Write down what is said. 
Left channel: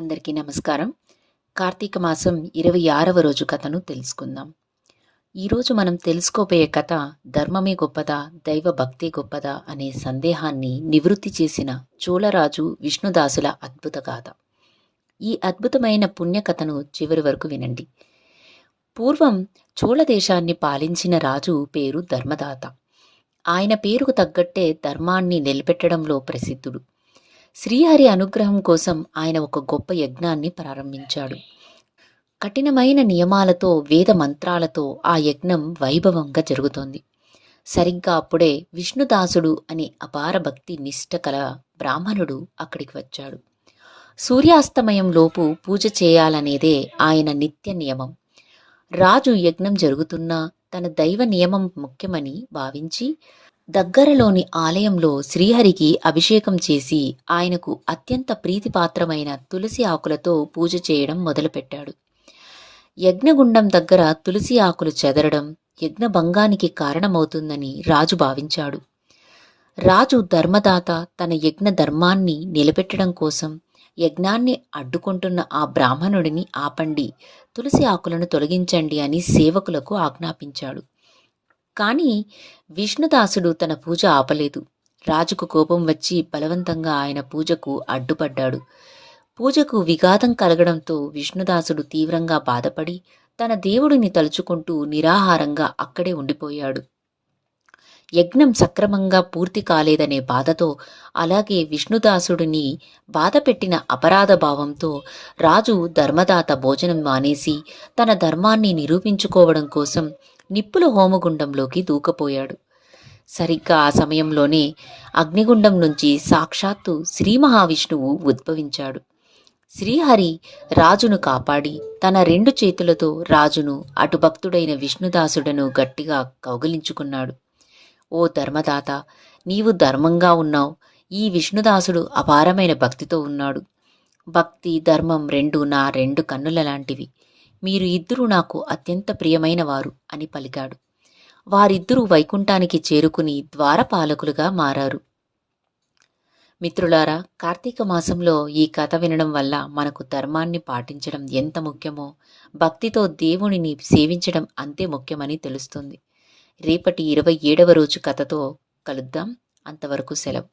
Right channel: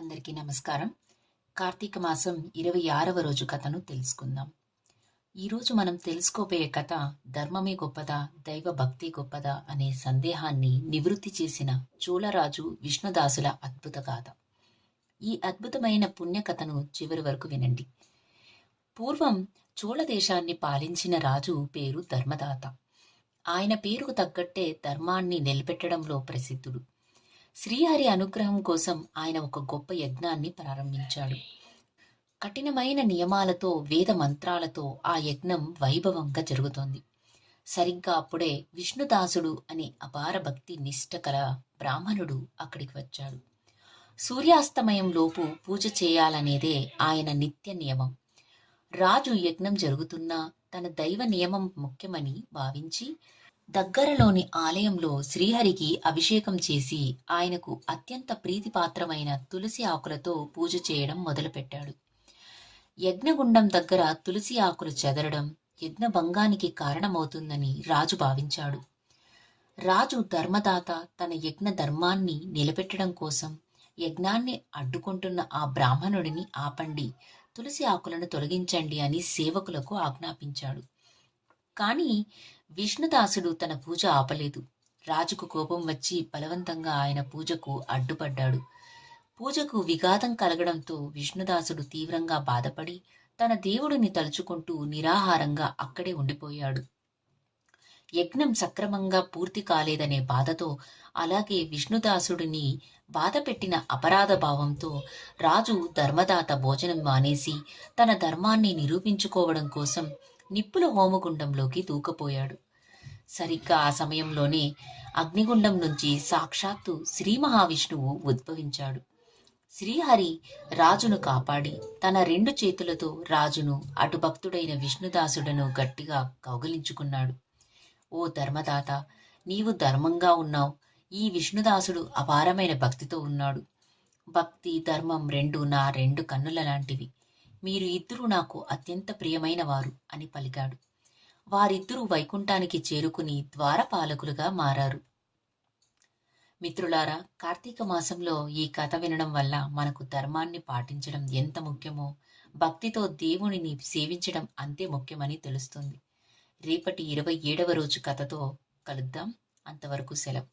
అందరికీ నమస్కారం. కార్తీక మాసం 26వ రోజు కథను తెలుసుకుందాం. ఈరోజు మనం తెలుసుకోబోయే కథ ధర్మమే గొప్పదా, దైవ భక్తే గొప్పదా అనే సందేహాన్ని నివృత్తి చేసిన చోళరాజు విష్ణుదాసుల అద్భుత గాథ. ఈ అద్భుతమైన పుణ్యకథను చివరి వరకు వినండి. పూర్వం చోళ దేశాన్ని పాలించిన రాజు పేరు ధర్మదాత. ఆయన పేరుకు తగ్గట్టే ధర్మాన్ని నిలబెట్టడంలో ప్రసిద్ధుడు. శ్రీహరి అనుగ్రహం కోసం ఆయన ఒక గొప్ప యజ్ఞాన్ని ప్రారంభించాడు. కఠినమైన నియమాలతో, వేద మంత్రాలతో ఆ యజ్ఞం వైభవంగా జరుగుతోంది. సరిగ్గా అప్పుడే విష్ణుదాసుడు అనే అపార భక్తి నిష్ట కల బ్రాహ్మణుడు అక్కడికి వచ్చాడు. సూర్యాస్తమయంలోపు పూజ చేయాలనేదే ఆయన నిత్య నియమం. రాజు యజ్ఞం జరుగుతున్నా తన దైవ నియమం ముఖ్యమని భావించి దగ్గరలోని ఆలయంలో శ్రీహరికి అభిషేకం చేసి ఆయనకు అత్యంత ప్రీతిపాత్రమైన తులసి ఆకులతో పూజ చేయడం మొదలుపెట్టాడు. యజ్ఞగుండం దగ్గర తులసి ఆకులు చెదరడం యజ్ఞభంగానికి కారణమవుతుందని రాజు భావించాడు. రాజు ధర్మదాత తన యజ్ఞ ధర్మాన్ని నిలబెట్టడం కోసం యజ్ఞాన్ని అడ్డుకుంటున్న ఆ బ్రాహ్మణుడిని ఆపండి, తులసి ఆకులను తొలగించండి అని సేవకులకు ఆజ్ఞాపించాడు. కానీ విష్ణుదాసుడు తన పూజ ఆపలేదు. రాజుకు కోపం వచ్చి బలవంతంగా ఆయన పూజకు అడ్డుపడ్డాడు. పూజకు విఘాతం కలగడంతో విష్ణుదాసుడు తీవ్రంగా బాధపడి తన దేవుడిని తలుచుకుంటూ నిరాహారంగా అక్కడే ఉండిపోయాడు. యజ్ఞం సక్రమంగా పూర్తి కాలేదనే బాధతో, అలాగే విష్ణుదాసుడిని బాధపెట్టిన అపరాధ భావంతో రాజు ధర్మదాత భోజనం మానేసి తన ధర్మాన్ని నిరూపించుకోవడం కోసం నిప్పుల హోమగుండంలోకి దూకపోయాడు. సరిగ్గా ఆ సమయంలోనే అగ్నిగుండం నుంచి సాక్షాత్తు శ్రీ మహావిష్ణువు ఉద్భవించాడు. శ్రీహరి రాజును కాపాడి తన 2 చేతులతో రాజును, అటు భక్తుడైన విష్ణుదాసుడను గట్టిగా కౌగిలించుకున్నాడు. ఓ ధర్మదాత, నీవు ధర్మంగా ఉన్నావు. ఈ విష్ణుదాసుడు అపారమైన భక్తితో ఉన్నాడు. భక్తి, ధర్మం రెండు నా 2 కన్నుల లాంటివి. మీరు ఇద్దరూ నాకు అత్యంత ప్రియమైన వారు అని పలికాడు. వారిద్దరూ వైకుంఠానికి చేరుకుని ద్వారపాలకులుగా మారారు. మిత్రులారా, కార్తీక మాసంలో ఈ కథ వినడం వల్ల మనకు ధర్మాన్ని పాటించడం ఎంత ముఖ్యమో, భక్తితో దేవునిని సేవించడం అంతే ముఖ్యమని తెలుస్తుంది. రేపటి 27వ రోజు కథతో కలుద్దాం. అంతవరకు సెలవు.